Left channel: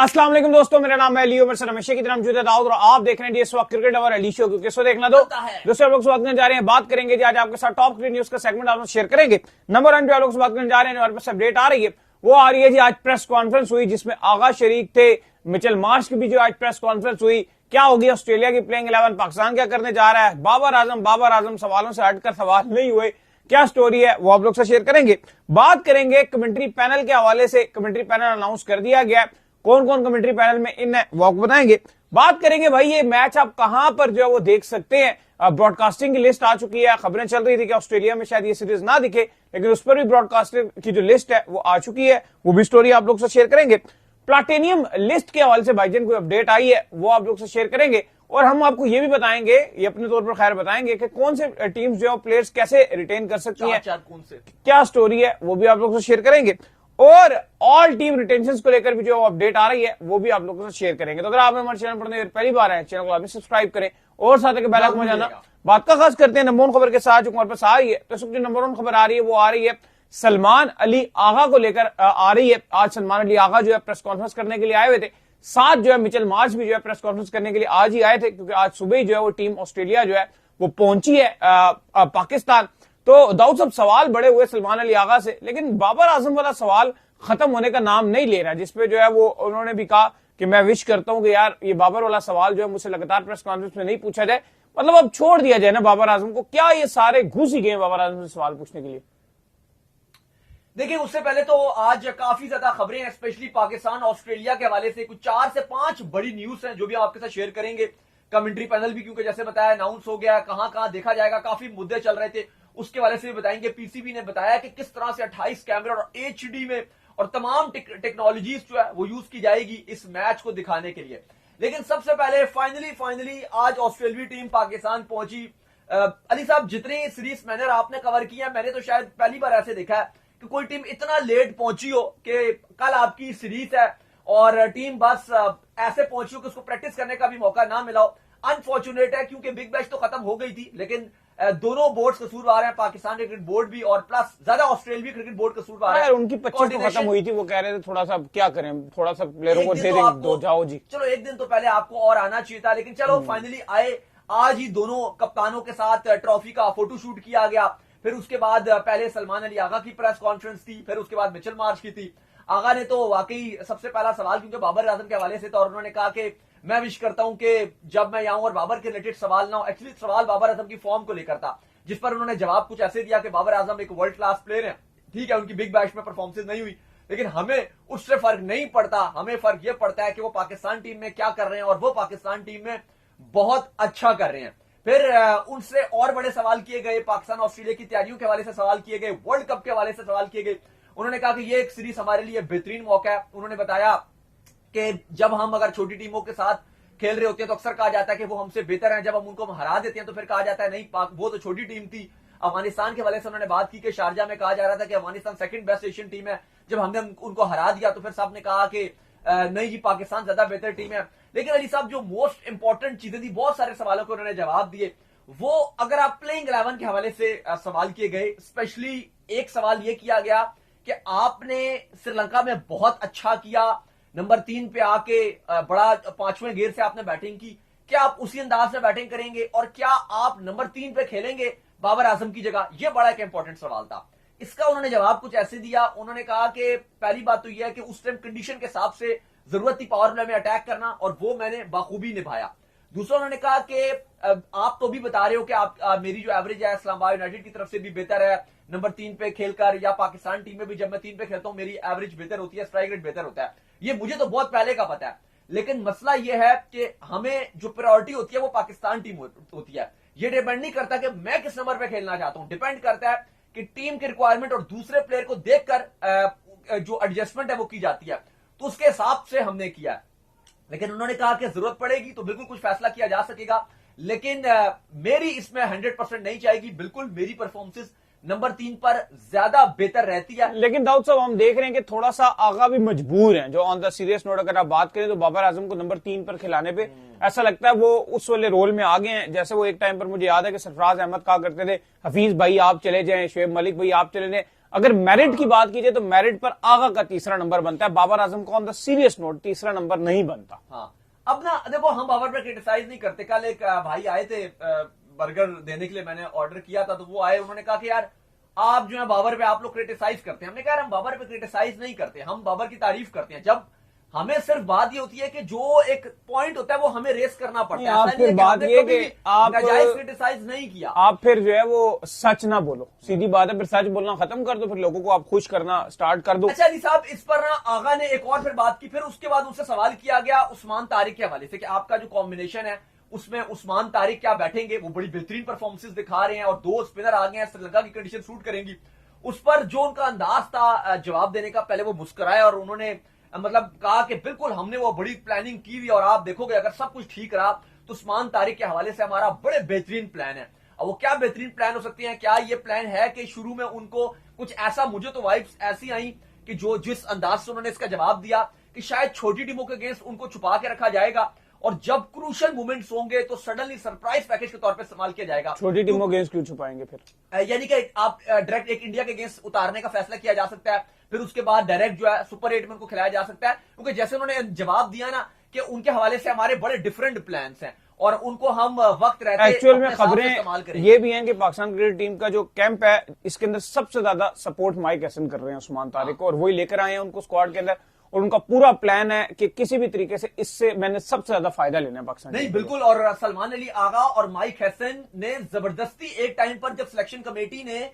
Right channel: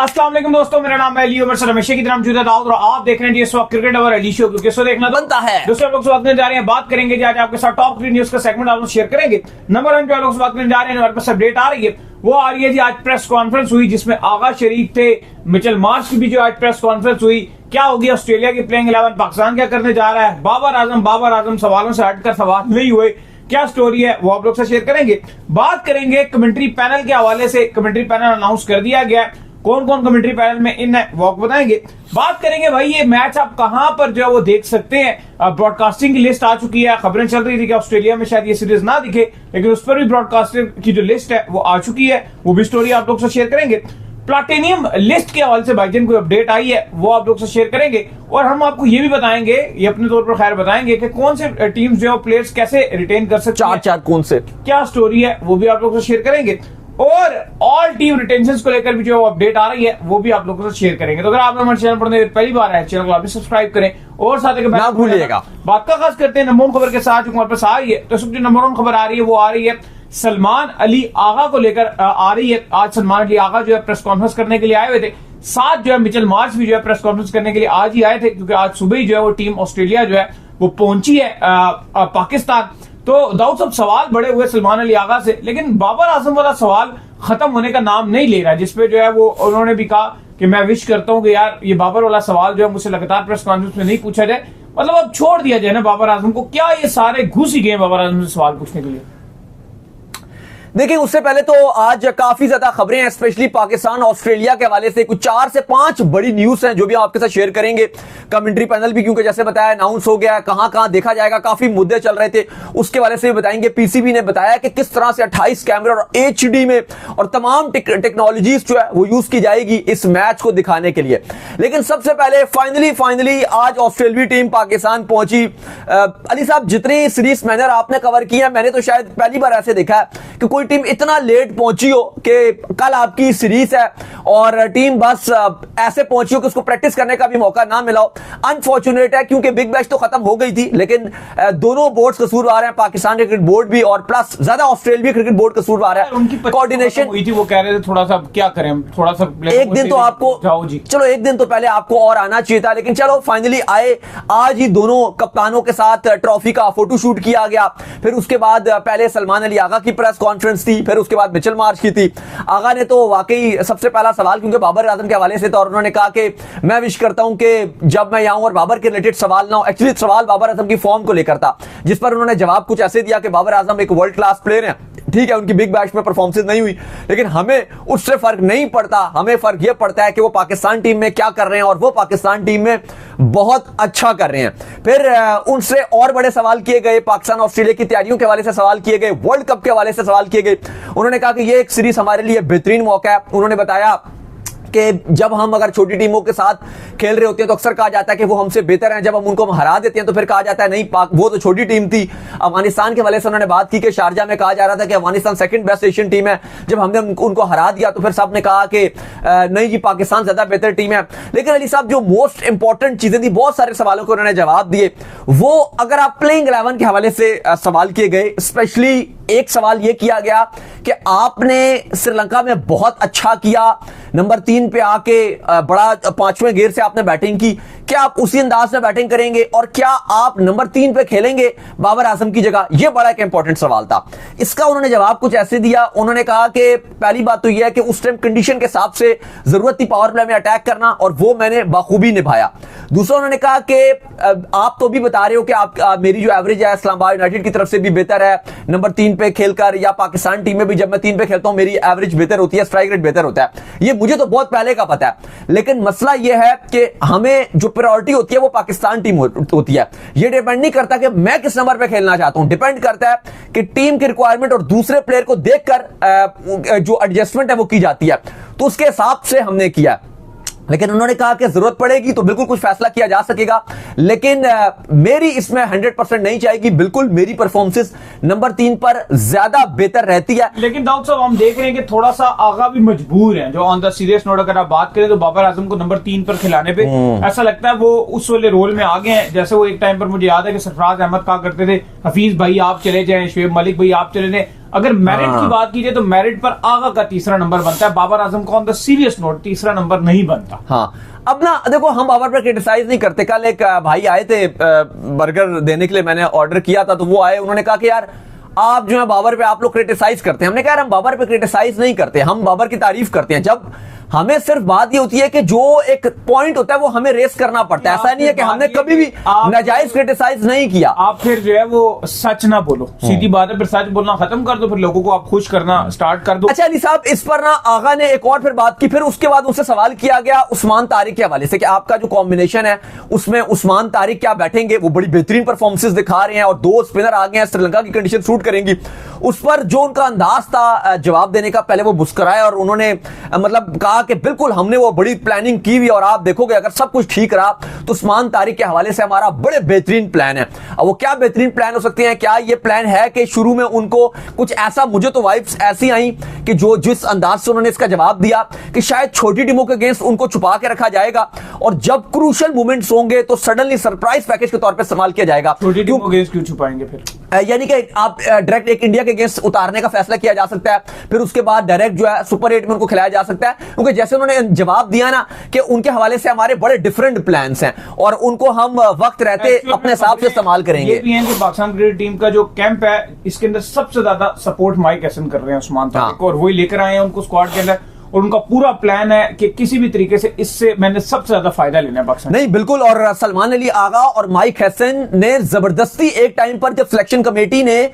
अस्सलाम वालेकुम दोस्तों, मेरा नाम है अली उमर सर, हमेशा की तरह मौजूद है दाऊद और आप देख रहे हैं इस वक्त क्रिकेट और अली शो, क्योंकि इसको देखना बनता है। दूसरे लोग बात करने जा रहे हैं, बात करेंगे आज आपके साथ टॉप 3 न्यूज का सेगमेंट आप शेयर करेंगे। नंबर 1 पे लोग बात करने जा रहे हैं, हमारे पास अपडेट आ रही है, वो आ रही है जी। आज प्रेस कॉन्फ्रेंस हुई जिसमें आगा शरीक थे, मिचेल मार्श की भी जो आज प्रेस कॉन्फ्रेंस हुई। क्या होगी ऑस्ट्रेलिया की प्लेइंग 11, पाकिस्तान क्या करने जा रहा है, बाबर आजम सवालों से हटकर सवाल नहीं हुए, क्या स्टोरी है वो आप लोग से शेयर करेंगे। बात करेंगे कमेंट्री पैनल के हवाले से, कमेंट्री पैनल अनाउंस कर दिया गया, कौन कौन कमेंट्री पैनल में इन है वो आपको बताएंगे। बात करेंगे भाई ये मैच आप कहां पर जो है वो देख सकते हैं। ब्रॉडकास्टिंग की लिस्ट आ चुकी है, खबरें चल रही थी कि ऑस्ट्रेलिया में शायद ये सीरीज ना दिखे, लेकिन उस पर भी ब्रॉडकास्टिंग की जो लिस्ट है वो आ चुकी है, वो भी स्टोरी आप लोग से शेयर करेंगे। प्लाटिनियम लिस्ट के हवाले से भाईजान कोई अपडेट आई है वो आप लोग से शेयर करेंगे, और हम आपको ये भी बताएंगे, ये अपने तौर पर खैर बताएंगे कि कौन से टीम्स जो है प्लेयर्स कैसे रिटेन कर सकते हैं, चार कौन से, क्या स्टोरी है वो भी आप लोग से शेयर करेंगे। और ऑल टीम रिटेंशन को लेकर भी जो अपडेट आ रही है वो भी आप लोगों से शेयर करेंगे। तो अगर आप हमारे चैनल पर पहली बार है, चैनल को आप भी सब्सक्राइब करें और साथ ही भूलिएगा। बात का खास करते हैं नंबर 1 खबर के साथ जो हमारे पास आ रही है। तो जो नंबर 1 खबर आ रही है वो आ रही है सलमान अली आगा को लेकर आ रही है। आज सलमान अली आगा जो है प्रेस कॉन्फ्रेंस करने के लिए आए हुए थे, साथ जो है मिचेल मार्श भी जो है प्रेस कॉन्फ्रेंस करने के लिए आज ही आए थे, क्योंकि आज सुबह ही जो है वो टीम ऑस्ट्रेलिया जो है वो पहुंची है पाकिस्तान। तो दाऊद साहब सवाल बड़े हुए सलमान अली आगा से, लेकिन बाबर आजम वाला सवाल खत्म होने का नाम नहीं ले रहा है, जिसपे जो है वो उन्होंने भी कहा कि मैं विश करता हूं कि यार ये बाबर वाला सवाल जो है मुझसे लगातार प्रेस कॉन्फ्रेंस में नहीं पूछा जाए, मतलब अब छोड़ दिया जाए ना बाबर आजम को। क्या ये सारे घुस ही गए बाबर आजम से सवाल पूछने के लिए? देखिए, उससे पहले तो आज काफी ज्यादा खबरें हैं, स्पेशली पाकिस्तान ऑस्ट्रेलिया के हवाले से कुछ 4 से 5 बड़ी न्यूज हैं जो भी आपके साथ शेयर करेंगे। कमेंट्री पैनल भी क्योंकि जैसे बताया अनाउंस हो गया, कहां कहां देखा जाएगा, काफी मुद्दे चल रहे थे, उसके हवाले से भी बताएंगे। पीसीबी ने बताया कि किस तरह से 28 कैमरे और एचडी में और तमाम टेक्नोलॉजीज जो है वो यूज की जाएगी इस मैच को दिखाने के लिए। लेकिन सबसे पहले फाइनली आज ऑस्ट्रेलियाई टीम पाकिस्तान पहुंची। अली साहब, जितनी सीरीज मैंने आपने कवर की है, मैंने तो शायद पहली बार ऐसे देखा है कि कोई टीम इतना लेट पहुंची हो कि कल आपकी सीरीज है और टीम बस ऐसे पहुंची हो कि उसको प्रैक्टिस करने का भी मौका ना मिला हो। अनफॉर्चुनेट है क्योंकि बिग मैच तो खत्म हो गई थी, लेकिन दोनों बोर्ड्स कसूरवार हैं, पाकिस्तान क्रिकेट बोर्ड भी और प्लस ज्यादा ऑस्ट्रेलिया क्रिकेट बोर्ड कसूरवार है। उनकी कोऑर्डिनेशन हुई थी, वो कह रहे थे थोड़ा सा क्या करें, थोड़ा सा एक दिन तो आपको जाओ जी, चलो एक दिन तो पहले आपको और आना चाहिए था, लेकिन चलो फाइनली आए। आज ही दोनों कप्तानों के साथ ट्रॉफी का फोटो शूट किया गया, फिर उसके बाद पहले सलमान अली आगा की प्रेस कॉन्फ्रेंस थी, फिर उसके बाद मिचेल मार्श की थी। आगा ने तो वाकई सबसे पहला सवाल क्योंकि बाबर आजम के हवाले से था और उन्होंने कहा कि मैं विश करता हूं कि जब मैं यहां और बाबर के रिलेटेड सवाल ना हो। एक्चुअली सवाल बाबर आजम की फॉर्म को लेकर था, जिस पर उन्होंने जवाब कुछ ऐसे दिया कि बाबर आजम एक वर्ल्ड क्लास प्लेयर हैं, ठीक है उनकी बिग बैश में परफॉर्मेंस नहीं हुई, लेकिन हमें उससे फर्क नहीं पड़ता, हमें फर्क यह पड़ता है कि वो पाकिस्तान टीम में क्या कर रहे हैं और वो पाकिस्तान टीम में बहुत अच्छा कर रहे हैं। फिर उनसे और बड़े सवाल किए गए, पाकिस्तान ऑस्ट्रेलिया की तैयारियों के हवाले से सवाल किए गए, वर्ल्ड कप के हवाले से सवाल किए गए। उन्होंने कहा कि यह एक सीरीज हमारे लिए बेहतरीन मौका है। उन्होंने बताया कि जब हम अगर छोटी टीमों के साथ खेल रहे होते हैं तो अक्सर कहा जाता है कि वो हमसे बेहतर हैं, जब हम उनको हरा देते हैं तो फिर कहा जाता है नहीं पाक वो तो छोटी टीम थी। अफगानिस्तान के हवाले से उन्होंने बात की कि शारजा में कहा जा रहा था कि Afghanistan second best Asian team है, जब हमने उनको हरा दिया तो फिर सब ने कहा कि नहीं जी पाकिस्तान ज्यादा बेहतर टीम है। लेकिन अली साहब जो मोस्ट इंपॉर्टेंट चीजें थी, बहुत सारे सवालों को उन्होंने जवाब दिए। वो अगर आप प्लेइंग 11 के हवाले से सवाल किए गए, स्पेशली एक सवाल यह किया गया कि आपने श्रीलंका में बहुत अच्छा किया, नंबर 3 पे आके बड़ा 5वें गेयर से आपने बैटिंग की, क्या आप उसी अंदाज में बैटिंग करेंगे और क्या आप नंबर 3 पे खेलेंगे बाबर आजम की जगह? यह बड़ा एक इंपॉर्टेंट सवाल था। इसका उन्होंने जवाब कुछ ऐसे दिया, उन्होंने कहा कि पहली बात तो यह है कि उस टाइम कंडीशन के हिसाब से जरूरत थी पावर प्ले में अटैक करना और वो मैंने बखूबी निभाया। दूसरा उन्होंने कहा कि आप तो भी बता रहे हो कि आप मेरी जो एवरेज है इस्लामाबाद यूनाइटेड की तरफ से भी बेहतर है नंबर 3 पे खेलकर, या पाकिस्तान टीम में भी जब मैं 3 पे खेलता हूं मेरी एवरेज बेहतर होती है, स्ट्राइक रेट बेहतर होता है। ये मुझे तो बहुत पहले का पता है, लेकिन मसला यह है कि हमें जो प्रायोरिटी होती है वो पाकिस्तान टीम होती है। ये डिपेंड नहीं करता कि मैं किस नंबर पे खेलना चाहता हूं, डिपेंड करता है कि टीम की रिक्वायरमेंट और दूसरे प्लेयर को देखकर जो एडजस्टमेंट है वो की जाती है, तो उसके हिसाब से हमने किया। लेकिन उन्होंने कहा कि जरूरत पड़ेगी तो बिल्कुल कुछ फैसला किया जा सकेगा, लेकिन मेरी इसमें 100% नहीं चाहेगी। बिल्कुल मेरी परफॉर्मेंस नंबर 3 पर ज्यादा बेहतर रहती है। लेकिन दाऊद साहब हम देख रहे हैं कि थोड़ा सा आगा भी मजबूर है, जो ऑन द सीरियस नोट अगर आप बात करें तो बाबर आजम को नंबर 3 पर खिलाने पे ऐसा लगता है वो उस वाले रोल में आ गए हैं, जैसे वो एक टाइम पर मुझे याद है कि सरफराज अहमद कहा करते थे हफीज भाई आप चले जाएं, शुएब मलिक भाई आप चले जाएं। अगर मेरिट की बात कीजिए तो मेरिट पर आगा का तीसरा नंबर बनता है, बाबर आजम का ऑन द सीरियस नोट तीसरा नंबर नहीं बनता। हाँ, अब ना देखो, हम बाबर पर क्रिटिसाइज नहीं करते। कल एक भाई आए थे बर्गर देने के लिए, मैंने ऑर्डर किया था, तो वो आए, उन्होंने कहा कि यार आप जो है बाबर पे आप लोग क्रिटिसाइज करते हैं। हमने कहा हम बाबर पे क्रिटिसाइज नहीं करते, हम बाबर की तारीफ करते हैं। जब हमें सिर्फ बात ये होती है कि जो एक पॉइंट होता है वो हमें रेस करना पड़ता है। ऐसा नहीं है कि हमने कभी भी नाजायज क्रिटिसाइज नहीं किया। आप फिर जो है वो सच ना बोलो, सीधी बात है, फिर सच बोलना खत्म कर दो, फिर लोगों को आप खुश करना स्टार्ट कर दो। अच्छा अली साहब, इस पर ना आगा ने एक और फिर बात की, फिर उसके बाद उनसे सवाल किया गया उस्मान तारिक के हवाले से कि आपका जो कॉम्बिनेशन है उसमें उस्मान तारिक क्या बैठेंगे, वो बड़ी बेहतरीन परफॉर्मेंसेस दिखा रहे हैं और 2 स्पिनर आ गए हैं, श्रीलंका की कंडीशन सूट करेंगी। उस पर जो उनका अंदाज था जवाब देने का, पहले वो मुस्कुराए और उन्होंने मतलब कहा कि बिल्कुल हमने वो बड़ी प्लानिंग की हुई और आप देखोगे अगर सब कुछ ठीक रहा तो उस्मान तारिक के हवाले से हमारा बड़े बेहतरीन प्लान है। अब वो क्या बेहतरीन प्लान हो सकते हैं? क्या ये प्लान है कि शुरू में उनको कुछ ऐसा, मुझे तो वाइब्स ऐसी आई कि जो जिस अंदाज से उन्होंने इसका जवाब दिया कि शायद छोटी टीमों के अगेंस्ट उनको छुपा के रखा जाएगा और जब क्रूशियल मोमेंट्स होंगे तो सडनली सरप्राइज पैकेज के तौर पर इस्तेमाल किया जाएगा। छोटी टीमों के अगेंस्ट क्यों छुपाएंगे फिर? यानी कि आप डायरेक्ट एक इंडिया के अगेंस्ट उतारने का फैसला किया जा सकता है, फिर उसके बाद डायरेक्ट जो है सुपर 8 में उनको खिलाया जा सकता है, क्योंकि जैसे उन्होंने जवाब दिया ना कि उनके हवाले से हमारे बड़े डिफरेंट प्लान्स हैं और उनको हम वक्त रहते अपने हिसाब से इस्तेमाल करेंगे। ये भी है कि पाकिस्तान क्रिकेट टीम का जो कैंप है इसके अंदर सबसे ज्यादा सपोर्ट माइक हसन कर रहे हैं उस्मान तारिक को, और वही लेकर आए हैं उनको स्क्वाड के अंदर, और उनका पूरा प्लान है कि किसी भी तरीके से इससे मैंने सबसे ज्यादा फायदा लेना है पाकिस्तान। नहीं बिल्कुल, और सलमान अली आगा और माइक हसन ने जबरदस्ती एक टाइम पर जब सिलेक्शन कमेटी ने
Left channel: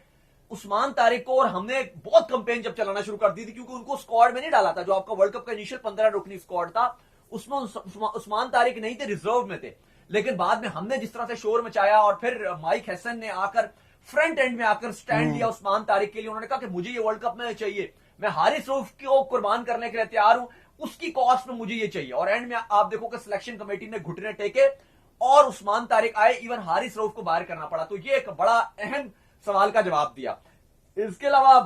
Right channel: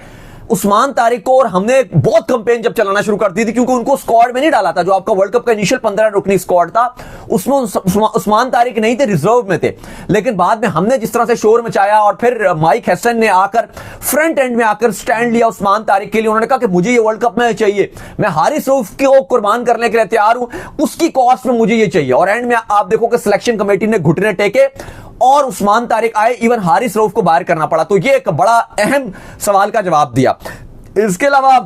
उस्मान तारिक को, और हमने बहुत कंपेन जब चलाना शुरू कर दी थी क्योंकि उनको स्क्वाड में नहीं डाला था, जो आपका वर्ल्ड कप का इनिशियल 15 रुकनी स्क्वाड था उसमें उस्मान तारिक नहीं थे, रिजर्व में थे। लेकिन बाद में हमने जिस तरह से शोर मचाया और फिर माइक हसन ने आकर फ्रंट एंड में आकर स्टैंड लिया उस्मान तारिक के लिए, उन्होंने कहा कि मुझे ये वर्ल्ड कप में चाहिए, मैं हारिस रऊफ को कुर्बान करने के लिए तैयार हूं, उसकी कॉस्ट में मुझे ये चाहिए। और एंड में आप देखो कि सिलेक्शन कमेटी ने घुटने टेके और उस्मान तारिक आए, इवन हारिस रऊफ को बाहर करना पड़ा। तो ये एक बड़ा अहम सवाल का जवाब दिया। इसके अलावा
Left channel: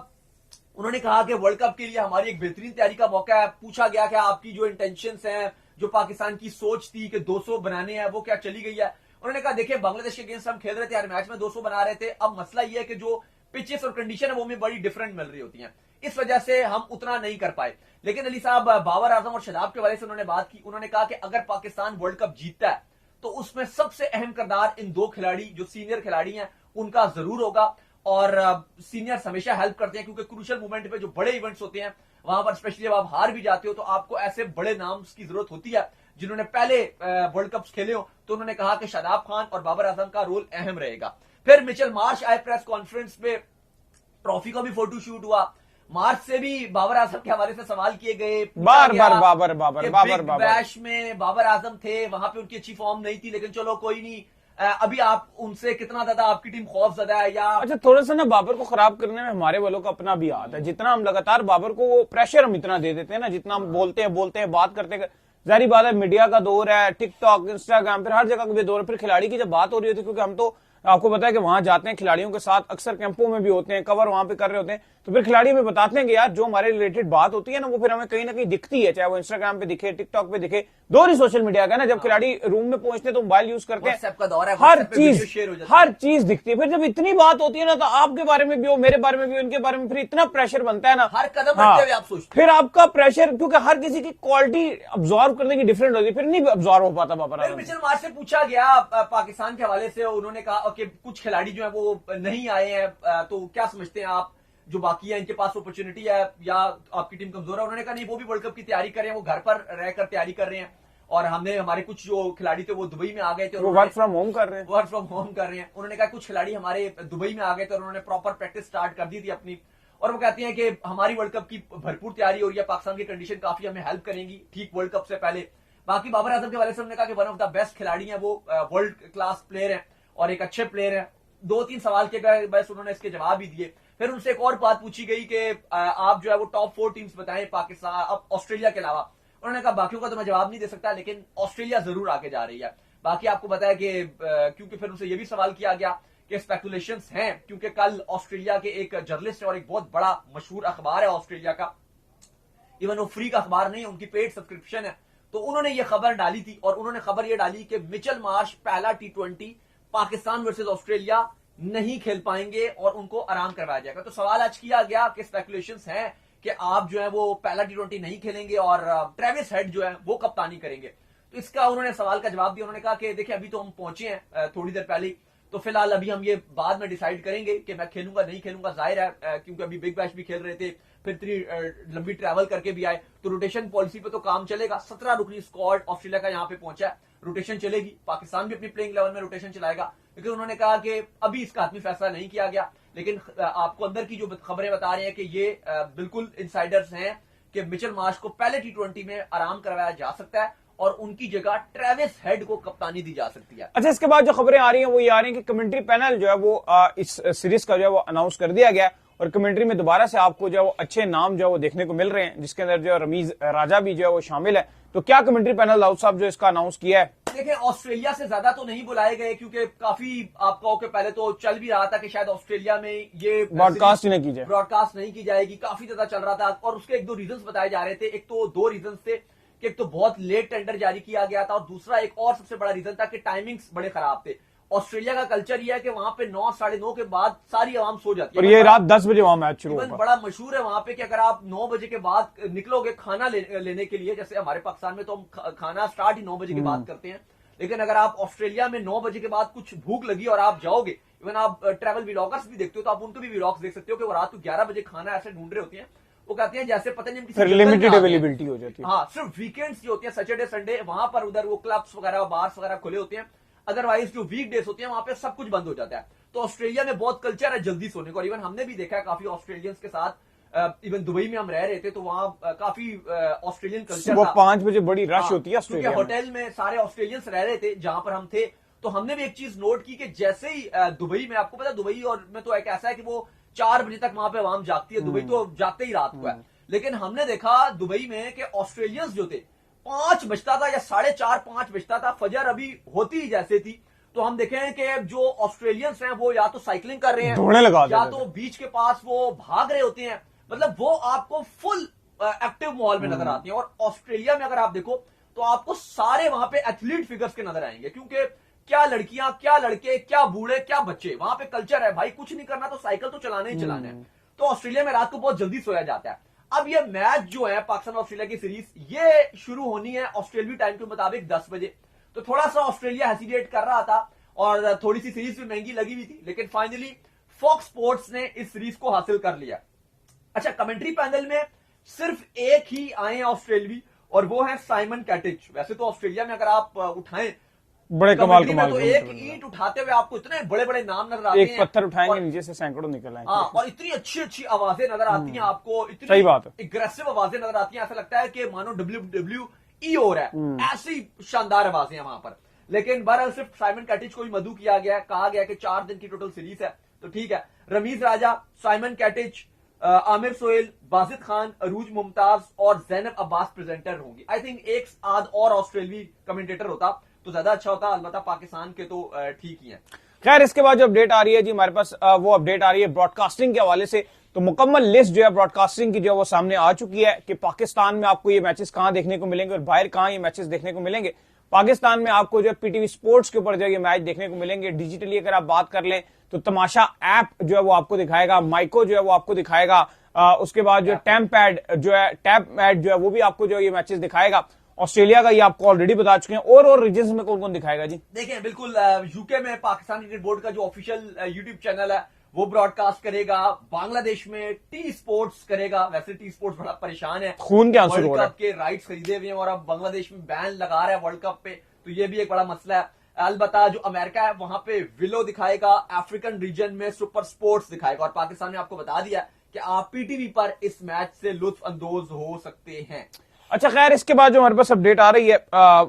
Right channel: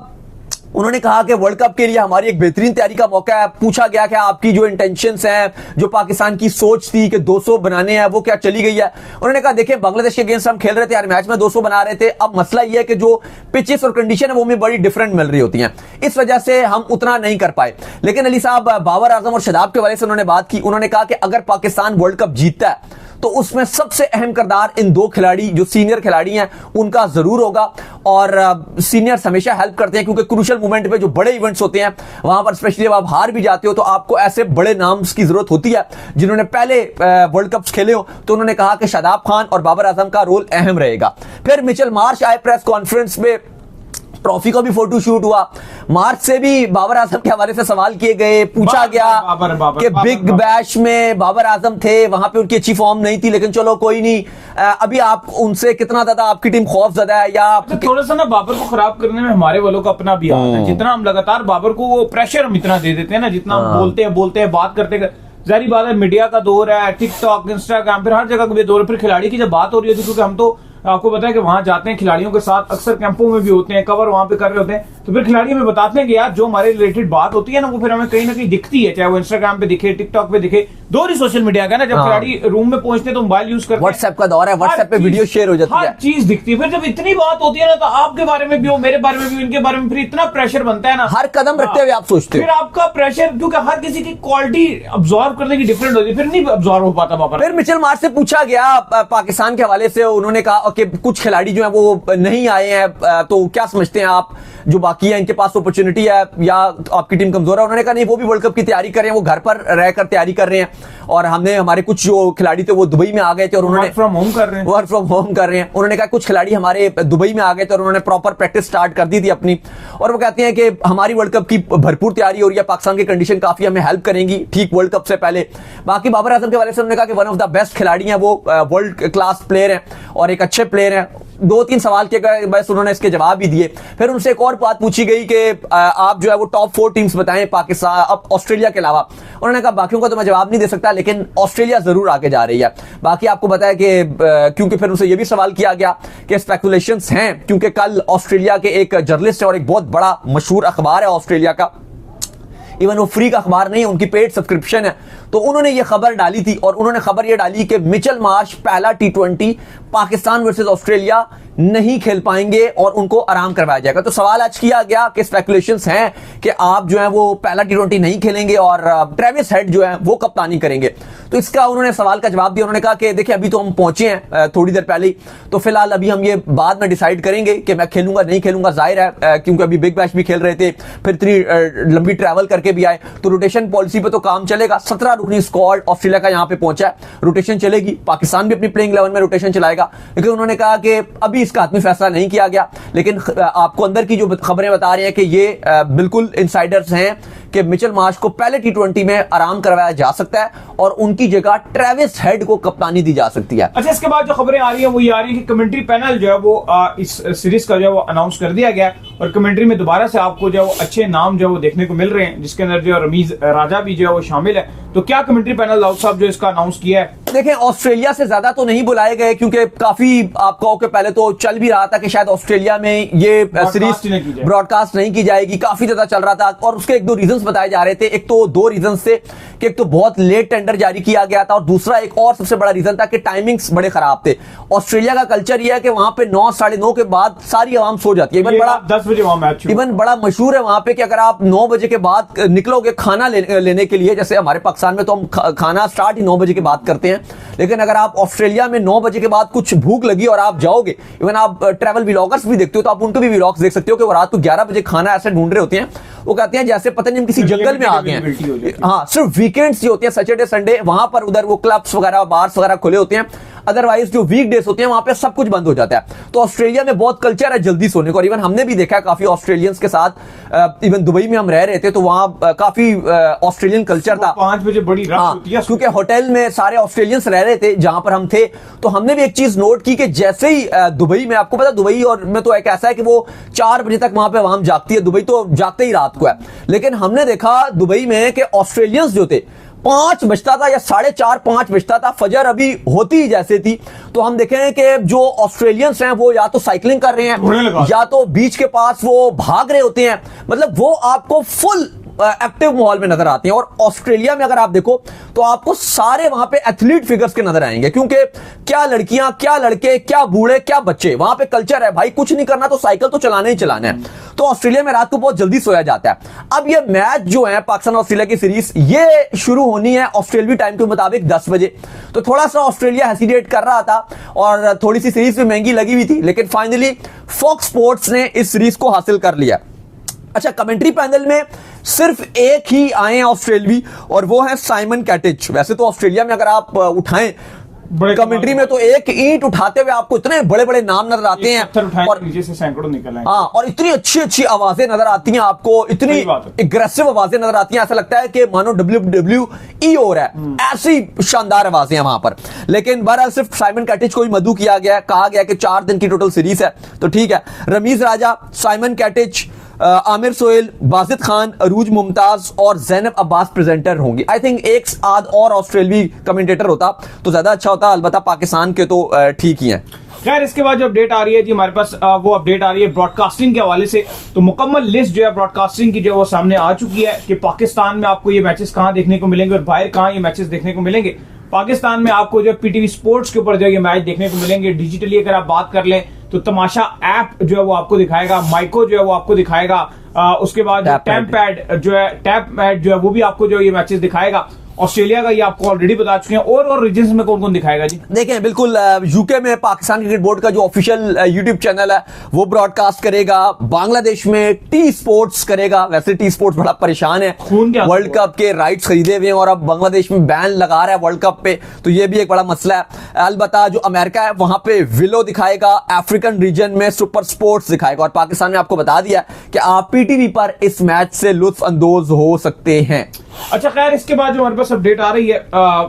उन्होंने कहा कि वर्ल्ड कप के लिए हमारी एक बेहतरीन तैयारी का मौका है। पूछा गया कि आपकी जो इंटेंशंस हैं, जो पाकिस्तान की सोच थी कि 200 बनाने हैं, वो क्या चली गई है? उन्होंने कहा देखिए बांग्लादेश के अगेंस्ट हम खेल रहे थे, हर मैच में 200 बना रहे थे। अब मसला ये है कि जो पिचेस और कंडीशन है वो हमें बड़ी डिफरेंट मिल रही होती हैं, इस वजह से हम उतना नहीं कर पाए। लेकिन अली साहब, बाबर आजम और शादाब के वाले से उन्होंने बात की, उन्होंने कहा कि अगर पाकिस्तान वर्ल्ड कप जीतता है तो उसमें सबसे अहम किरदार इन 2 खिलाड़ी जो सीनियर खिलाड़ी हैं उनका जरूर होगा। और सीनियर्स हमेशा हेल्प करते हैं क्योंकि क्रूशियल मोमेंट पे जो बड़े इवेंट्स होते हैं वहां पर स्पेशली जब आप हार भी जाते हो तो आपको ऐसे बड़े नाम्स की जरूरत होती है जिन्होंने पहले वर्ल्ड कप्स खेले हो। तो उन्होंने कहा कि शादाब खान और बाबर आजम का रोल अहम रहेगा। फिर मिचेल मार्श आए प्रेस कॉन्फ्रेंस में, ट्रॉफी का भी फोटो शूट हुआ। मार्च से भी बाबर आजम के हवाले से सवाल किए गए, पूछा गया कि बिग बैश में बाबर आजम थे, वहां पे उनकी अच्छी फॉर्म नहीं थी, लेकिन चलो कोई नहीं। अभी आप उनसे कितना ज्यादा आपकी टीम खौफ ज्यादा है या थोड़ा सा ना बाबर को खराब करने में हमारे वालों का अपना भी हाथ है। जितना हम लगातार बाबर को वो प्रेशर हम इतना दे देते हैं ना, जितना हम बोलते हैं बात करते जारी बात है, मीडिया का दौर है, टिकटॉक इंस्टाग्राम, फिर हर जगह का भी दौर है, फिर खिलाड़ी की जब बात हो रही होती है, क्योंकि हम तो आपको पता है कि वहां जाते हैं खिलाड़ियों के साथ, अक्सर कैंपों में भी होते हैं, कवर वहां पे कर रहे होते हैं, तो फिर खिलाड़ी हमें बताते हैं कि यार जो हमारे रिलेटेड बात होती है ना वो फिर हमें कहीं ना कहीं दिखती है, चाहे वो इंस्टाग्राम पे दिखे, टिकटॉक पे दिखे, दो ही सोशल मीडिया का ना। जब खिलाड़ी रूम में पहुंचते तो मोबाइल यूज करते हैं, व्हाट्सएप का दौर है, व्हाट्सएप पे वीडियो शेयर हो जाती है, हर चीज दिखती है। फिर जब इतनी बात होती है ना तो आपके बारे में भी हो, मेरे बारे में भी, उनके बारे में, फिर इतना प्रेशर बनता है ना, हर कदम रखते हुए आप सोचते हो, फिर आपका प्रेशर, क्योंकि हर किसी की क्वालिटी अब्सॉर्ब करने की डिफरेंट होती है, फिर नहीं अब्सॉर्ब हो पाता बाबर। फिर मिचेल मार्श से पूछा गया पाकिस्तान के हवाले से, उन्होंने कहा कि कुछ खिलाड़ी जो है वो नहीं आए हैं, तो क्या समझते हैं आप जो बाकी है इनके पास अपॉर्चुनिटी है या आपकी टीम कमजोर है? उन्होंने कहा नहीं, वो भी वर्ल्ड कप की तैयारी कर रहे हैं, वो घर पर रहकर तैयारी कर रहे हैं, और हमने हमारे कुछ जो खिलाड़ी थे वो दुबई में आ गए थे और उन्होंने वर्क फ्रॉम होम कर रहे हैं। उन्होंने कहा कुछ खिलाड़ी हमारे दुबई में आ गए थे और उन्होंने प्रॉपर प्रैक्टिस स्टार्ट कर दी थी अपनी, और वो कहते हैं कि हमारी वर्ल्ड कप की भरपूर तैयारी हो रही है, पाकिस्तान की कंडीशन काफी हमें हेल्प करेंगी ठीक वर्ल्ड कप से पहले। बाकी बाबर आजम के हवाले से उन्होंने कहा कि वन ऑफ द बेस्ट खिलाड़ी हैं, वो वर्ल्ड क्लास प्लेयर हैं और एक अच्छे प्लेयर हैं। 2-3 सवाल के बस उन्होंने इसके जवाब भी दिए। फिर उनसे एक और बात पूछी गई कि आप जो है वो टॉप 4 टीम्स बताएं पाकिस्तान, अब ऑस्ट्रेलिया के अलावा। उन्होंने कहा बाकियों का तो मैं जवाब नहीं दे सकता, लेकिन ऑस्ट्रेलिया जरूर आगे जा रही है। बाकी आपको बताया कि क्योंकि फिर उनसे यह भी सवाल किया गया कि स्पेकुलेशंस हैं, क्योंकि कल ऑस्ट्रेलिया के एक जर्नलिस्ट है और एक बहुत बड़ा मशहूर अखबार है ऑस्ट्रेलिया का, इवन वो फ्री का अखबार नहीं है, उनकी पेड सब्सक्रिप्शन है, तो उन्होंने ये खबर डाली थी और उन्होंने खबर ये डाली कि मिचेल मार्श पहला T20 पाकिस्तान वर्सेस ऑस्ट्रेलिया नहीं खेल पाएंगे और उनको आराम करवाया जाएगा। तो सवाल आज किया गया कि स्पेकुलेशंस हैं कि आप जो है वो पहला T20 नहीं खेलेंगे और ट्रेविस हेड जो है वो कप्तानी करेंगे। तो इसका उन्होंने सवाल का जवाब दिया। उन्होंने कहा कि देखिए अभी तो हम पहुंचे हैं थोड़ी देर पहले, तो फिलहाल अभी हम ये बाद में डिसाइड करेंगे कि मैं खेलूंगा नहीं खेलूंगा। जाहिर है क्योंकि अभी बिग बैश भी खेल रहे थे, फिर इतनी लंबी ट्रैवल करके भी आए, तो रोटेशन पॉलिसी पे तो काम चलेगा। 17 रुकनी स्क्वाड ऑस्ट्रेलिया का यहां पे पहुंचा है, रोटेशन चलेगी। पाकिस्तान भी अपनी प्लेइंग 11 में रोटेशन चलाएगा, लेकिन उन्होंने कहा कि अभी इसका आत्मी फैसला नहीं किया गया। लेकिन आपको अंदर की जो खबरें बता रही हैं कि ये बिल्कुल इनसाइडर्स हैं कि मिचेल मार्श को पहले T20 में आराम करवाया जा सकता है और उनकी जगह ट्रेविस हेड को कप्तानी दी जा सकती है। अच्छा, इसके बाद जो खबरें आ रही हैं वो ये आ रही हैं कि कमेंट्री पैनल जो है वो इस सीरीज का जो है वो अनाउंस कर दिया गया और कमेंट्री में दोबारा से आपको जो है वो अच्छे नाम जो है वो देखने को मिल रहे हैं, जिसके अंदर जो रमीज राजा भी जो है वो शामिल है। तो क्या कमेंट्री पैनल दाऊद साहब जो इसका अनाउंस किया है? देखिए, ऑस्ट्रेलिया से ज्यादा तो नहीं बुलाए गए क्योंकि काफी आप कहो कि पहले तो चल भी रहा था कि शायद ऑस्ट्रेलिया में ये सीरीज ब्रॉडकास्ट नहीं की जाएगी, काफी ज्यादा चल रहा था और उसके एक दो रीजंस बताए जा रहे थे। एक तो दो रीजंस थे कि एक तो बहुत लेट टेंडर जारी किया गया था और दूसरा एक और सबसे बड़ा रीजन था कि टाइमिंग्स बड़े खराब थे। ऑस्ट्रेलिया का कल्चर यह है कि वहां पे 9 साढ़े 9 के बाद सारी आवाम सो जाती है। रात 10 बजे वहां मैच इवन बड़ा मशहूर है वहां पे कि अगर आप 9 बजे के बाद निकलोगे खाना लेने के लिए, जैसे हमारे पाकिस्तान में तो हम खाना स्टार्ट ही 9 बजे के बाद करते हैं, लेकिन अगर आप ऑस्ट्रेलिया में 9 बजे के बाद कुछ भूख लगी और आप जाओगे, इवन आप ट्रैवल व्लॉगर्स भी देखते हो तो आप उनके भी व्लॉग्स देख सकते हो कि वो रात को 11 बजे खाना ऐसे ढूंढ रहे होते हैं। वो कहते हैं जैसे पता नहीं हम किसी जंगल में आ गए हैं। हाँ, सिर्फ वीकेंड्स जो होते हैं सैटरडे संडे, वहां पर उधर वो क्लब्स वगैरह बार्स वगैरह खुले होते हैं, अदरवाइज जो वीकडेज होते हैं वहां पे सब कुछ बंद हो जाता है। तो ऑस्ट्रेलिया में बहुत कल्चर है जल्दी सोने को और इवन हमने भी देखा है काफी ऑस्ट्रेलियंस के साथ, इवन दुबई में हम रह रहे थे तो वहां काफी ऑस्ट्रेलियन कल्चर था। 5 बजे बड़ी रश होती है क्योंकि होटल में सारे ऑस्ट्रेलियंस रह रहे थे जहां पर हम थे। तो हमने भी एक चीज नोट की कि जैसे ही दुबई में, आपको पता दुबई और में तो एक ऐसा है कि वो 4 बजे तक वहां पे आवाम जागती है, दुबई तो जागते ही रात को है, लेकिन हमने देखा दुबई में कि ऑस्ट्रेलियंस जो थे 5 बजता था या 4:30 5 बजता था, फजर अभी होती ही जैसे थी। तो हम देखें कि जो ऑस्ट्रेलियंस हैं वो या तो साइकिलिंग कर रहे हैं या तो बीच के पास वो भाग रहे होते हैं, मतलब वो आपको फुल एक्टिव माहौल में नजर आते हैं। और ऑस्ट्रेलिया में अगर आप देखो तो आपको सारे वहां पे एथलीट फिगर्स के नजर आएंगे, क्योंकि क्या लड़कियां क्या लड़के क्या बूढ़े क्या बच्चे, वहां पे कल्चर है भाई कुछ नहीं करना तो साइकिल तो चलाना ही चलाना है। तो ऑस्ट्रेलिया में रात को बहुत जल्दी सोया जाता है। अब ये मैच जो है पाकिस्तान ऑस्ट्रेलिया की सीरीज ये शुरू होनी है ऑस्ट्रेलियाई टाइम के मुताबिक 10 बजे। तो थोड़ा सा ऑस्ट्रेलिया हेसिटेट कर रहा था और थोड़ी सी सीरीज भी महंगी लगी हुई थी, लेकिन फाइनली फॉक्स स्पोर्ट्स ने इस सीरीज को हासिल कर लिया। अच्छा, कमेंट्री पैनल में सिर्फ एक ही आए हैं ऑस्ट्रेलियाई और वो है साइमन कैटिच। वैसे तो ऑस्ट्रेलिया में अगर आप उठाएं कमेंट्री में तो एक ईंट उठाते हुए आपको इतने बड़े बड़े नाम नजर आते हैं और नीचे से सैकड़ों निकल आए। हाँ, और इतनी अच्छी अच्छी आवाजें नजर आती हैं आपको, इतनी एग्रेसिव आवाजें नजर आती हैं, ऐसा लगता है कि मानो WWE हो रहा है, ऐसी शानदार आवाजें हैं वहां पर। लेकिन बहरहाल सिर्फ साइमन कैटिच को ही मधु किया गया है, कहा गया कि 4 दिन की टोटल सीरीज है। तो ठीक है, रमीज राजा, साइमन कैटिच, आमिर सोहेल, बाजिद खान, अरूज मुमताज और जैनब अब्बास प्रेजेंटर होंगी। आई थिंक एक आध और ऑस्ट्रेलियाई कमेंटेटर होता तो ज्यादा अच्छा होता, अलबत्ता पाकिस्तान के तो ठीक ही हैं। खैर, इसके बाद जो अपडेट आ रही है जी हमारे पास, वो अपडेट आ रही है ब्रॉडकास्टिंग के हवाले से। तो मुकम्मल लिस्ट जो है ब्रॉडकास्टिंग की जो वो सामने आ चुकी है कि पाकिस्तान में आपको ये मैचेस कहां देखने को मिलेंगे और बाहर कहां ये मैचेस देखने को मिलेंगे। पाकिस्तान में आपको जो पीटीवी स्पोर्ट्स के ऊपर जो ये मैच देखने को मिलेंगे डिजिटली। अगर आप बात कर लें तो तमाशा ऐप जो है वो आपको दिखाएगा, माइको जो है वो आपको दिखाएगा, उसके बाद टैप पैड जो है वो भी आपको जो ये मैचेस दिखाएगा। ऑस्ट्रेलिया का ये आपको ऑलरेडी बता चुके हैं। और रीजन्स में कौन कौन दिखाएगा जी? देखें, बिल्कुल यूके में पाकिस्तान क्रिकेट बोर्ड का जो ऑफिशियल यूट्यूब चैनल है वो ब्रॉडकास्ट करेगा। बांग्लादेश में टी स्पोर्ट्स करेगा। वैसे टी स्पोर्ट्स बड़ा परेशान है, वर्ल्ड कप के राइट्स खरीदे हुए हैं और अब बांग्लादेश में बैन लगा रहा है वर्ल्ड कप पे, तो ये भी एक बड़ा मसला है। अलबत्ता जो अमेरिका है वहां पे विलो दिखाएगा, अफ्रीकन रीजन में सुपर स्पोर्ट्स दिखाएगा और पाकिस्तान में आपको बता दिया कि आप पीटीवी पर इस मैच से लुत्फ अंदोज हो सकते हैं। अच्छा, खैर, इसके बाद जो हमारे पास अपडेट आ रही है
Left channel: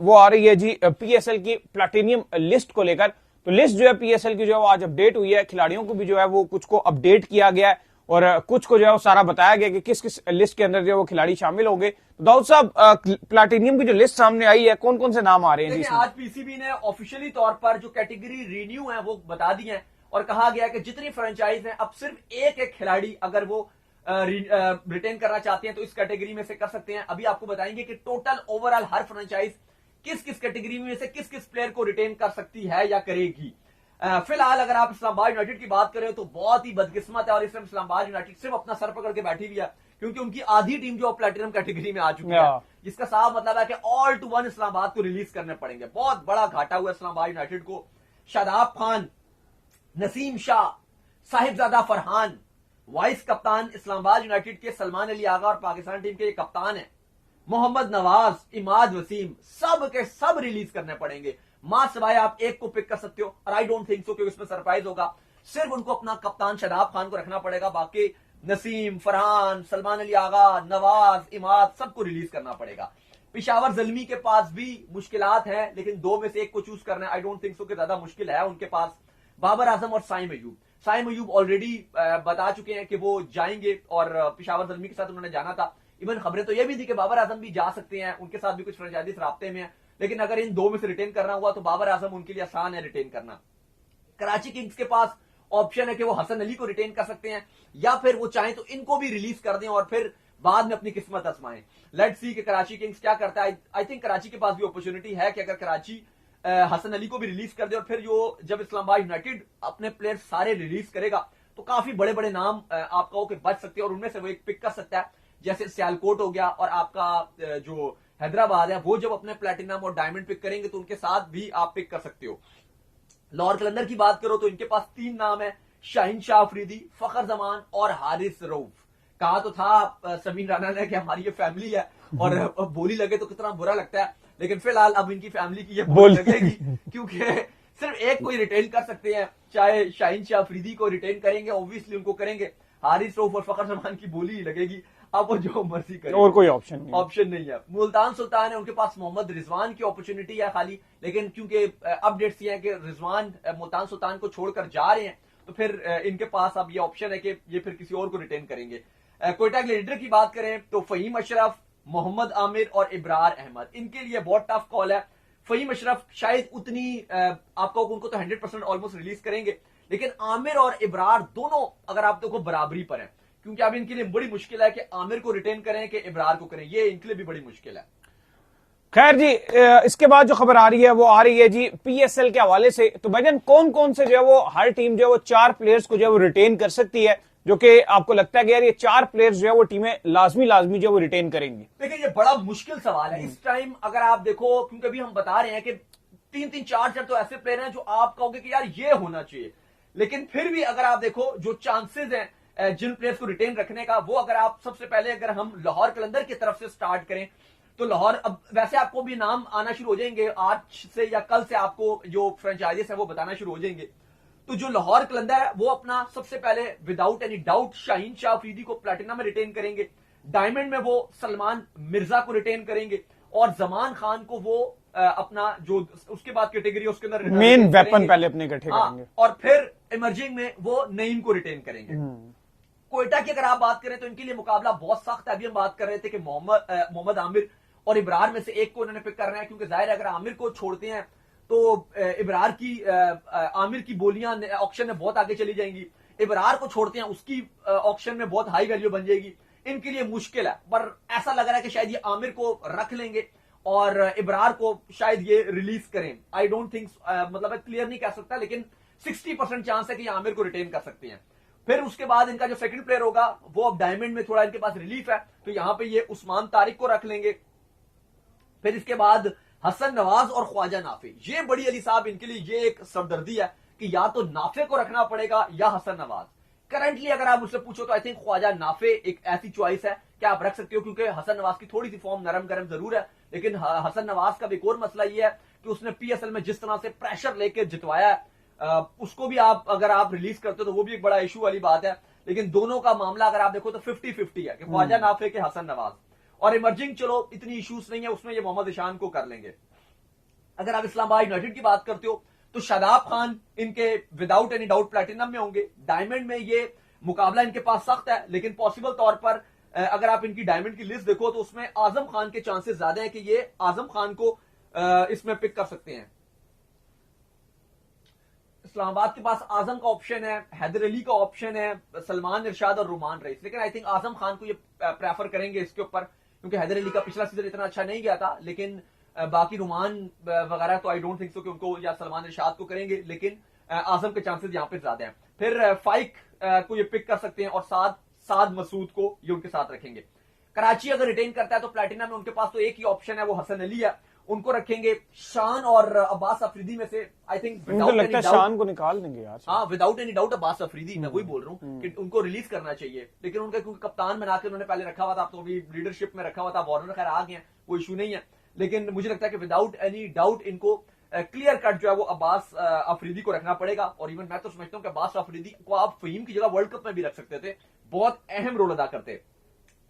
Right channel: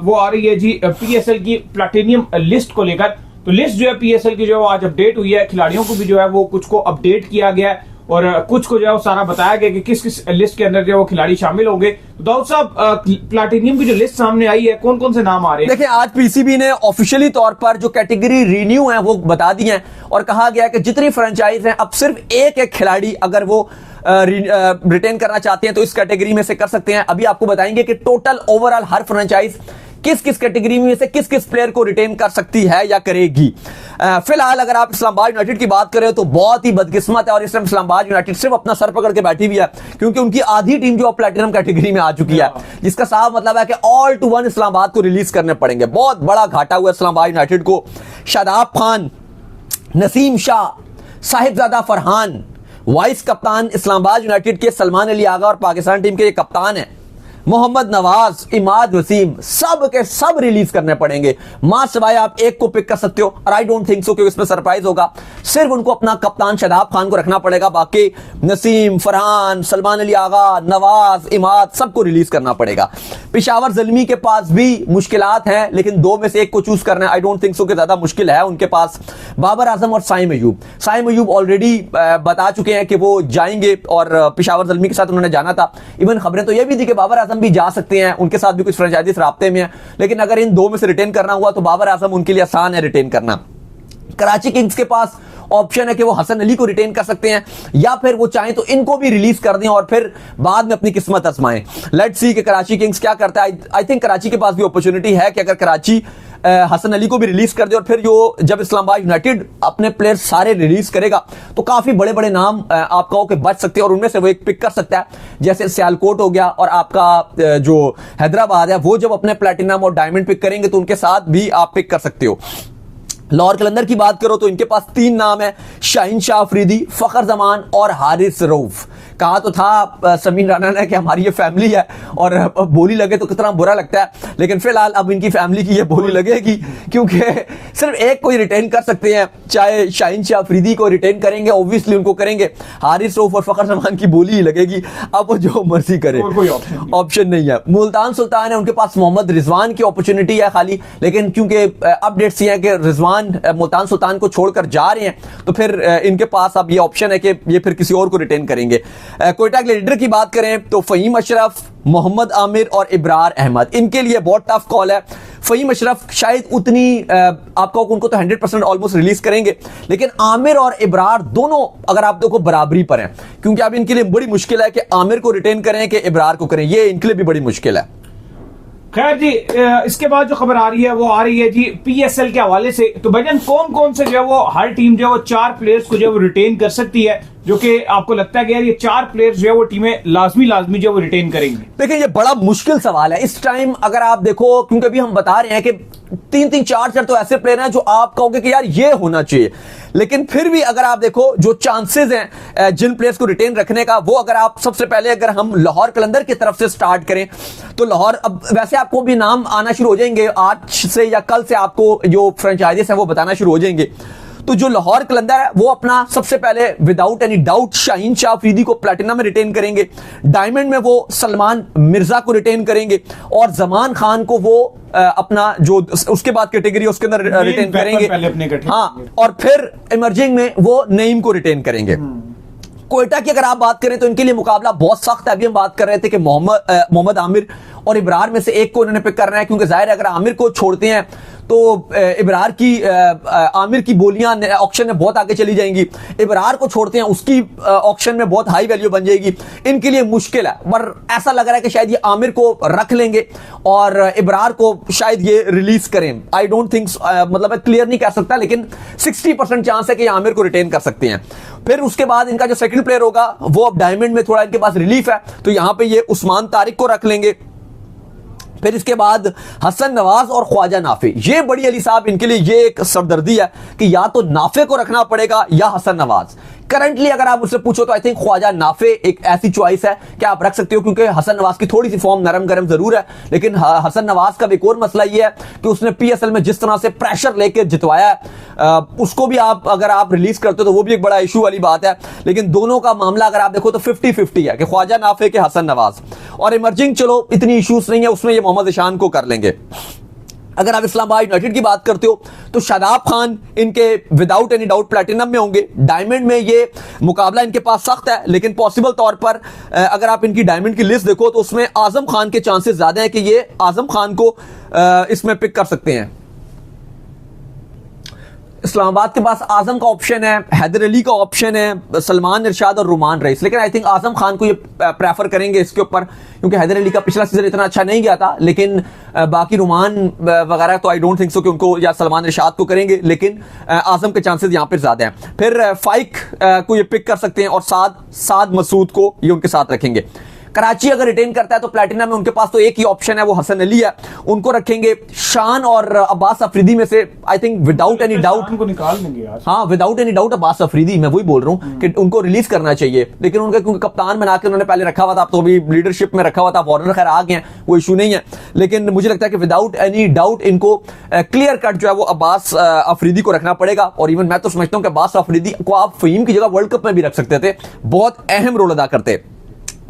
वो आ रही है जी पीएसएल की प्लैटिनियम लिस्ट को लेकर। तो लिस्ट जो है पीएसएल की जो है आज अपडेट हुई है। खिलाड़ियों को भी जो है वो कुछ को अपडेट किया गया है और कुछ को जो है वो सारा बताया गया कि किस किस लिस्ट के अंदर जो है वो खिलाड़ी शामिल होंगे। तो दाऊद साहब, प्लैटिनियम की जो लिस्ट सामने आई है, कौन कौन से नाम आ रहे हैं? देखिए, आज पीसीबी ने ऑफिशियली तौर पर जो कैटेगरी रिन्यू है वो बता दी है और कहा गया कि जितनी फ्रेंचाइज हैं अब सिर्फ एक खिलाड़ी अगर वो रिटेन करना चाहते हैं तो इस कैटेगरी में से कर सकते हैं। अभी आपको बताएंगे कि टोटल ओवरऑल हर फ्रेंचाइज किस किस कैटेगरी में से किस किस प्लेयर को रिटेन कर सकती है या करेगी। फिलहाल अगर आप इस्लामाबाद यूनाइटेड की बात करें तो बहुत ही बदकिस्मत है और इस टाइम इस्लामाबाद यूनाइटेड सिर्फ अपना सर पकड़ के बैठी हुई है, क्योंकि उनकी आधी टीम जो प्लेटिनम कैटेगरी में आ चुकी है, जिसका साफ मतलब है कि ऑल टू वन इस्लामाबाद को रिलीज करने पड़ेंगे। बहुत बड़ा घाटा हुआ इस्लामाबाद यूनाइटेड को। शादाब खान, नसीम शाह, साहिबजादा फरहान वाइस कप्तान इस्लामाबाद यूनाइटेड के, सलमान अली आगा और पाकिस्तान टीम के ये कप्तान है, मोहम्मद नवाज, इमाद वसीम, सब के सब रिलीज करने पड़ेंगे। मां सिवाय आप एक को पिक कर सकते हो और आई डोंट थिंक सो कि इसमें सरप्राइज होगा। सिर्फ उनको अपना कप्तान शादाब खान को रखना पड़ेगा, बाकी नसीम, फरहान, सलमान अली आगा, नवाज, इमाद सबको रिलीज करना पड़ेगा। पेशावर ज़ल्मी के पास भी मुश्किलात हैं, लेकिन दो में से एक को चूज करना आई डोंट थिंक सो कि ज्यादा मुश्किल है उनके पास। बाबर आजम और साइम अयूब, साइम अयूब ऑलरेडी बता चुके हैं कि वो जाएंगे और पेशावर ज़ल्मी के साथ उन्होंने जाना था। इवन खबरें तो यह भी थी कि बाबर भी जा सकते हैं, उनके साथ भी कुछ फ्रेंचाइजीज राब्ते में है, लेकिन अगर इन दो में से रिटेन करना हुआ तो बाबर आजम उनके लिए आसान है रिटेन करना। कराची किंग्स के पास ऑप्शन है कि वो हसन अली को रिटेन कर सकते हैं या फिर वो चाहें तो इनको भी रिलीज कर दें और फिर बाद में अपनी किस्मत आजमाएं। लेट्स सी कि कराची किंग्स क्या करता है। आई थिंक कराची के पास भी अपॉर्चुनिटी है कि अगर कराची हसन अली को भी रिलीज कर दे और फिर जो जब इस्लामाबाद यूनाइटेड अपने प्लेयर सारे रिलीज करेगा तो काफी बड़े बड़े नाम आपका हो के बच सकते हैं और उनमें से वो एक पिक कर सकता है, जैसे सियालकोट हो गया और आपका जो हैदराबाद है, वो जब अपने प्लेटिनम और डायमंड पिक करेंगे तो उनके साथ भी आप पिक कर सकते हो। लाहौर कलंदर की बात करो तो इनके पास 3 नाम है, शाहीन शाह अफरीदी, फखर जमान और हारिस रऊफ। कहा तो था समीन राणा ने कि हमारी ये फैमिली है और बोली लगे तो कितना बुरा लगता है, लेकिन फिलहाल अब इनकी फैमिली की ये बोली लगेगी क्योंकि सिर्फ एक को ही रिटेन कर सकते हैं। चाहे शाहीन शाह अफरीदी को रिटेन करेंगे, ऑब्वियसली उनको करेंगे, हारिस रऊफ और फखर जमान की बोली ही लगेगी। अब वो जो मर्जी करे, कोई ऑप्शन नहीं है। मुल्तान सुल्तान है, उनके पास मोहम्मद रिजवान की अपॉर्चुनिटी है खाली, लेकिन क्योंकि अपडेट्स ये है कि रिजवान मुल्तान सुल्तान को छोड़कर जा रहे हैं तो फिर इनके पास अब ये ऑप्शन है कि ये फिर किसी और को रिटेन करेंगे। कोयटा के लीडर की बात करें तो फहीम अशरफ, मोहम्मद आमिर और इब्रार अहमद, इनके लिए बहुत टफ कॉल है। फहीम अशरफ शायद उतनी आपको उनको तो 100% ऑलमोस्ट रिलीज करेंगे, लेकिन आमिर और इब्रार दोनों अगर आप देखो बराबरी पर हैं, क्योंकि अब इनके लिए बड़ी मुश्किल है कि आमिर को रिटेन करें कि इब्रार को करें, ये इनके लिए भी बड़ी मुश्किल है। खैर जी, इसके बाद जो खबर आ रही है वो आ रही है जी पीएसएल के हवाले से। तो भाईजान कौन कौन से जो है वो हर टीम जो है वो 4 प्लेयर्स को जो है वो रिटेन कर सकती है, जो कि आपको लगता है कि यार ये 4 प्लेयर्स जो है वो टीमें लाजमी जो है वो रिटेन करेंगी? देखिए ये बड़ा मुश्किल सवाल है इस टाइम। अगर आप देखो, क्योंकि अभी हम बता रहे हैं कि 3-3, 4-4 तो ऐसे प्लेयर हैं जो आप कहोगे कि यार ये होना चाहिए, लेकिन फिर भी अगर आप देखो जो चांसेस हैं जिन प्लेयर्स को रिटेन रखने का, वो अगर आप सबसे पहले अगर हम लाहौर कलंदर की तरफ से स्टार्ट करें तो लाहौर, अब वैसे आपको भी नाम आना शुरू हो जाएंगे आज से या कल से, आपको जो फ्रेंचाइजीज हैं वो बताना शुरू हो जाएंगे। तो जो लाहौर कलंदर है वो अपना सबसे पहले without any doubt Shaheen Shah Afridi को प्लेटिनम में रिटेन करेंगे, डायमंड में वो सलमान मिर्जा को रिटेन करेंगे और जमान खान को वो अपना जो उसके बाद कैटेगरी उसके अंदर रिटेन करेंगे। हाँ, और फिर इमर्जिंग में वो नईम को रिटेन करेंगे। कोयटा की अगर आप बात करें तो इनके लिए मुकाबला बहुत सख्त है। अभी हम बात कर रहे थे कि मोहम्मद आमिर और इब्रार में से एक को उन्होंने पिक करना है, क्योंकि जाहिर है अगर आमिर को छोड़ते हैं तो इब्रार की आमिर की बोलियां ऑक्शन में बहुत आगे चली जाएंगी, इब्रार को छोड़ते हैं उसकी ऑक्शन में बहुत हाई वैल्यू बन जाएगी। इनके लिए मुश्किल है, पर ऐसा लग रहा है कि शायद ये आमिर को रख लेंगे और इब्रार को शायद ये रिलीज करें। आई डोंट थिंक, मतलब क्लियर नहीं कह सकता, लेकिन 60% चांस है कि आमिर को रिटेन कर सकते हैं। फिर उसके बाद इनका जो सेकंड प्लेयर होगा वो अब डायमंड में थोड़ा इनके पास रिलीफ है, तो यहां पे ये उस्मान तारिक को रख लेंगे। फिर इसके बाद हसन नवाज और ख्वाजा नाफे, ये बड़ी अली साहब इनके लिए ये एक सरदर्दी है कि या तो नाफे को रखना पड़ेगा या हसन नवाज। करंटली अगर आप मुझसे पूछो तो आई थिंक ख्वाजा नाफे एक ऐसी चॉइस है कि आप रख सकते हो, क्योंकि हसन नवाज की थोड़ी सी फॉर्म नरम गरम जरूर है, लेकिन हसन नवाज का एक और मसला ये है कि उसने पीएसएल में जिस तरह से प्रेशर लेकर जितवाया है, उसको भी आप अगर आप रिलीज करते हो तो वो भी एक बड़ा इशू वाली बात है। लेकिन दोनों का मामला अगर आप देखो तो 50-50 है कि ख्वाजा नाफे के हसन नवाज, और इमर्जिंग चलो इतनी इशूज नहीं है उसमें, ये मोहम्मद ईशान को कर लेंगे। अगर आप इस्लामाबाद यूनाइटेड की बात करते हो तो शादाब खान इनके विदाउट एनी डाउट प्लेटिनम में होंगे। डायमंड में ये मुकाबला इनके पास सख्त है, लेकिन पॉसिबल तौर पर अगर आप इनकी डायमंड की लिस्ट देखो तो उसमें आजम खान के चांसेस ज्यादा है कि ये आजम खान को इसमें पिक कर सकते हैं। इस्लामाबाद के पास आजम का ऑप्शन है, हैदर अली का ऑप्शन है, सलमान इरशाद और रुमान रईस, लेकिन आई थिंक आजम खान को ये प्रेफर करेंगे इसके ऊपर, क्योंकि हैदर अली का पिछला सीजन इतना अच्छा नहीं गया था, लेकिन बाकी रुमान वगैरह तो आई डोंट थिंक सो कि उनको या सलमान इरशाद को करेंगे, लेकिन आजम के चांसेस यहां पर ज्यादा हैं। फिर फाइक को ये पिक कर सकते हैं और साद मसूद को ये उनके साथ रखेंगे। कराची अगर रिटेन करता है तो प्लेटिनम में उनके पास तो एक ही ऑप्शन है, वो हसन अली है, उनको रखेंगे। शान और अब्बास अफरीदी में से I think without any doubt को निकाल देंगे यार। हाँ, without any doubt Abbas Afridi, मैं वही बोल रहा हूँ कि उनको रिलीज करना चाहिए, लेकिन उनका क्योंकि कप्तान बना के उन्होंने पहले रखा हुआ था, तो अभी लीडरशिप में रखा हुआ था, वार्नर खैर आ गए हैं, वो इशू नहीं है, लेकिन मुझे लगता है कि विदाउट एनी डाउट इनको क्लियर कट जो है वो अब्बास अफरीदी को रखना पड़ेगा। और इवन मैं तो समझता हूँ कि अब्बास अफरीदी को आप फहीम की जगह वर्ल्ड कप में भी रख सकते थे, बहुत अहम रोल अदा करते।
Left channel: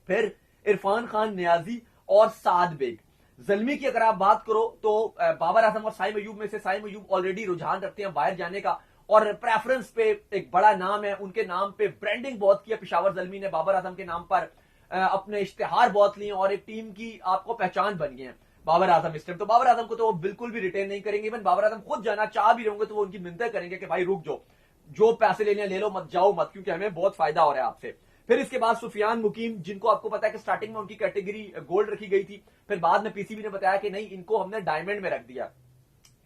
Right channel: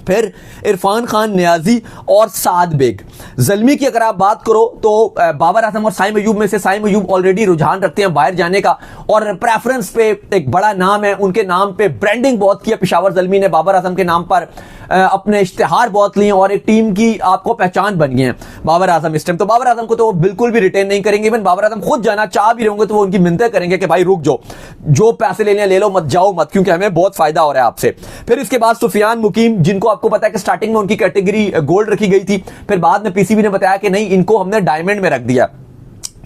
फिर इरफान खान नियाजी और साद बेग। ज़ल्मी की अगर आप बात करो तो बाबर आजम और साइम अयूब में से साइम अयूब ऑलरेडी रुझान रखते हैं बाहर जाने का, और प्रेफरेंस पे एक बड़ा नाम है, उनके नाम पे ब्रांडिंग बहुत किया पेशावर ज़ल्मी ने, बाबर आजम के नाम पर अपने इश्तिहार बहुत लिए और एक टीम की आपको पहचान बन गए हैं बाबर आजम इस टाइम। तो बाबर आजम को तो वो बिल्कुल भी रिटेन नहीं करेंगे, इवन बाबर आजम खुद जाना चाह भी होंगे तो वो उनकी मिन्नतें करेंगे कि भाई रुक जाओ, जो पैसे लेने ले लो, मत जाओ मत, क्योंकि हमें बहुत फायदा हो रहा है आपसे। फिर इसके बाद सुफियान मुकीम, जिनको आपको पता है कि स्टार्टिंग में उनकी कैटेगरी गोल्ड रखी गई थी, फिर बाद में पीसीबी ने बताया कि नहीं, इनको हमने डायमंड में रख दिया,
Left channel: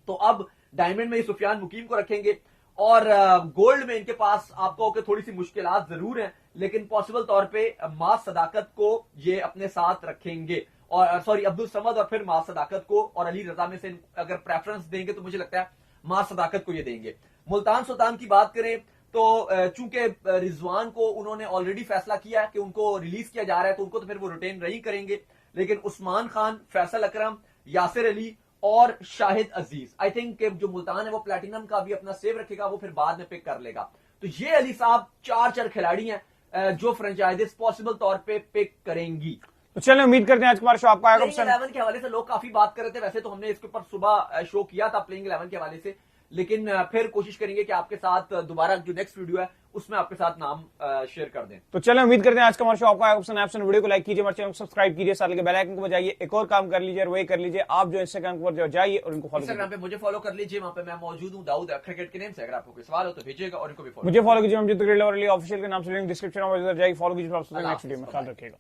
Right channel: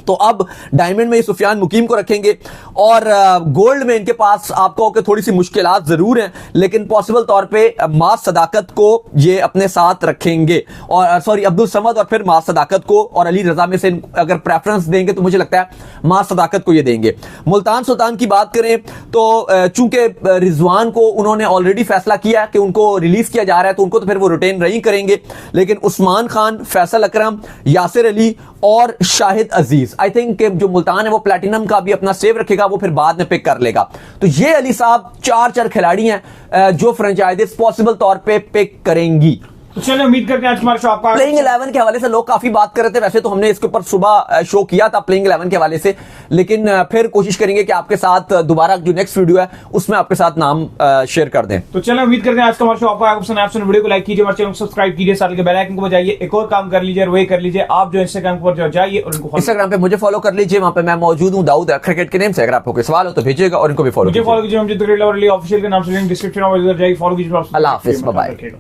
तो अब डायमंड में सुफियान मुकीम को रखेंगे। और गोल्ड में इनके पास आपको कि थोड़ी सी मुश्किलात जरूर हैं, लेकिन पॉसिबल तौर पे मास सदाकत को ये अपने साथ रखेंगे, और सॉरी अब्दुल समद और फिर मास सदाकत को, और अली रजा में से अगर प्रेफरेंस देंगे तो मुझे लगता है मास सदाकत को ये देंगे। मुल्तान सुल्तान की बात करें तो चूंकि रिजवान को उन्होंने ऑलरेडी फैसला किया कि उनको रिलीज किया जा रहा है, तो उनको तो फिर वो रिटेन नहीं करेंगे, लेकिन उस्मान खान, फैसल अकरम, यासिर अली और शाहिद अजीज, आई थिंक जो मुल्तान है वो प्लैटिनम का भी अपना सेव रखेगा, वो फिर बाद में पिक कर लेगा। तो ये अली साहब चार खिलाड़ी हैं जो फ्रेंचाइजीज पॉसिबल तौर पे पिक करेंगी। तो चलिए उम्मीद करते हैं आज हमारा शो आपको प्लेइंग 11 के हवाले से लोग काफी बात कर रहे थे, वैसे तो हमने इसके ऊपर सुबह शो किया था प्लेइंग 11 के हवाले से, लेकिन फिर कोशिश करेंगे कि आपके साथ दोबारा जो नेक्स्ट वीडियो है उसमें आपके साथ नाम शेयर कर दें। तो चलिए उम्मीद करते हैं आज का हमारा शो आपको पसंद आया। वीडियो को लाइक कीजिए, हमारे चैनल को सब्सक्राइब कीजिए, साथ ही बेल आइकन को बजाइए। एक और काम कर लीजिए, वही कर लीजिए, आप जो इंस्टाग्राम पर जो जाइए और उनको इंस्टाग्राम पे मुझे फॉलो कर लीजिए, वहां पे मैं मौजूद हूँ दाऊद क्रिकेट के नेम से। अगर आपको कोई सवाल हो तो भेजिएगा और इनको भी फॉलो कीजिए। ऑफिशियल के नाम से डिस्क्रिप्शन में जाइए, फॉलो कीजिए। अल्लाह हाफिज, बाय बाय।